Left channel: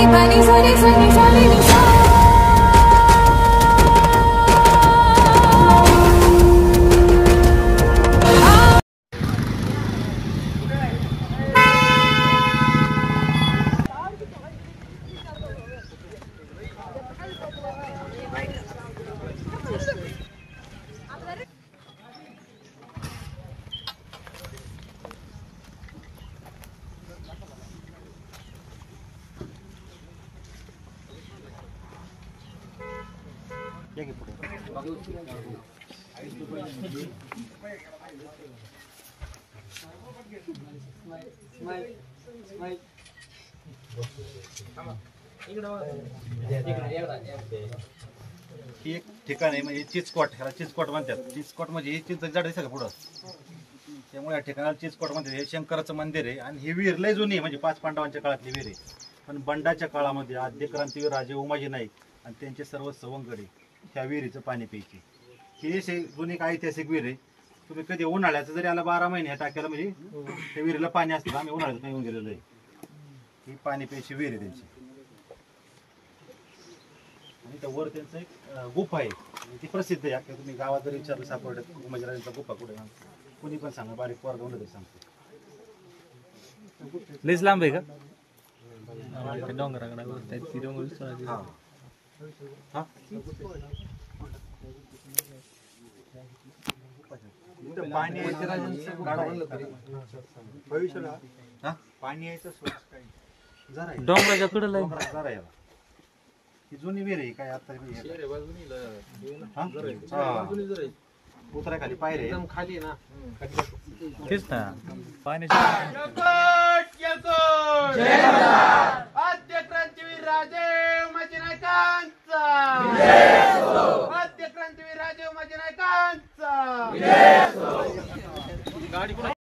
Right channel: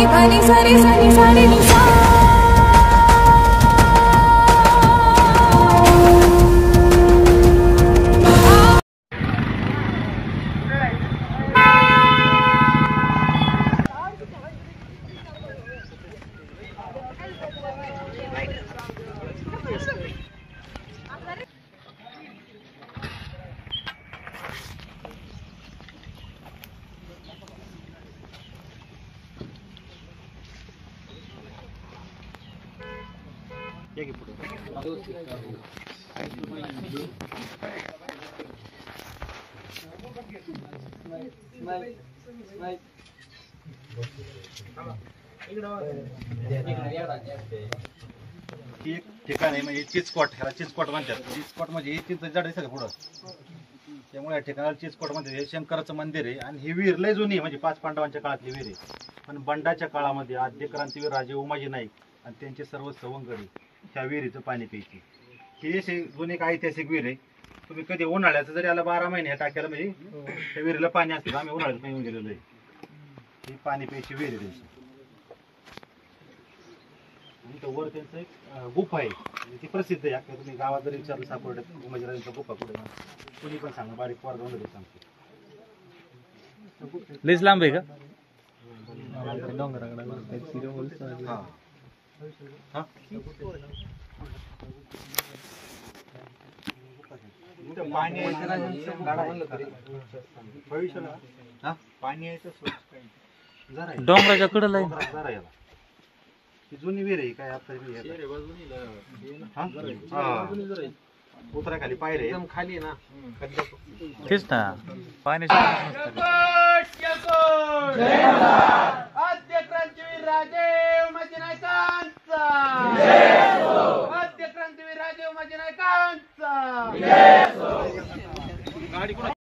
नि प नि सा रे सा नि सा रे नि सा एक ठिकाण आहे म्हणजे चिचकोट, ह्याला चिचकोट म्हणतात. चिचकोट म्हणजे चिंच झाड दिसतं का पुढं, त्यामुळे या ठिकाणाला चिचकोट म्हणतात. हे शंकराचं मंदिर आहे आणि ही विहीर लय जुनी आहे, म्हणजे 5 पांडवांच्या काळातली विहीर आहे. पण बंडाच्या काळामध्ये आद्य क्रांतीवीर राजे उमाजी नाईक आणि त्यांचे सर्व सवंगडी त्या विहिरीचं पाणी प्यायचे. ही अशी जुनी एक ऐतिहासिक विहीर आहे. तुम्ही कधी उन्हाळ्याचं जरी आला 12 महिने टाक्याला म्हणजे त्या विहिरीला पाणी असतं. आम्ही उन्हाळ्यात येऊन गेलेलो आहे. ही पाणी प्यायची विहीर आहे त्यांची. आणि तर वर त्यांचं एक गुफा आहे, ती प्रसिद्ध आहे. आता तुम्ही गावात जरी विचारलं सापडत उमाजीराजांचा गुफा कुठे, कुणी पण सांगा, बारीक पोर जाऊन सांगतो. लईच लांब आहे का? पाणी यायचं सोर्स काय डोंगराच्या कडेला आहे. जरा याला ही जुनी विहीर आहे काय आता उतरा खाली पायरे एकदम खाली ना. तेच ना पाण्याच्या आद्य क्रांतीवीर राजे उमाजी नाईकांचा, आद्य क्रांतीवीर राजे उमाजी नाईकांचा.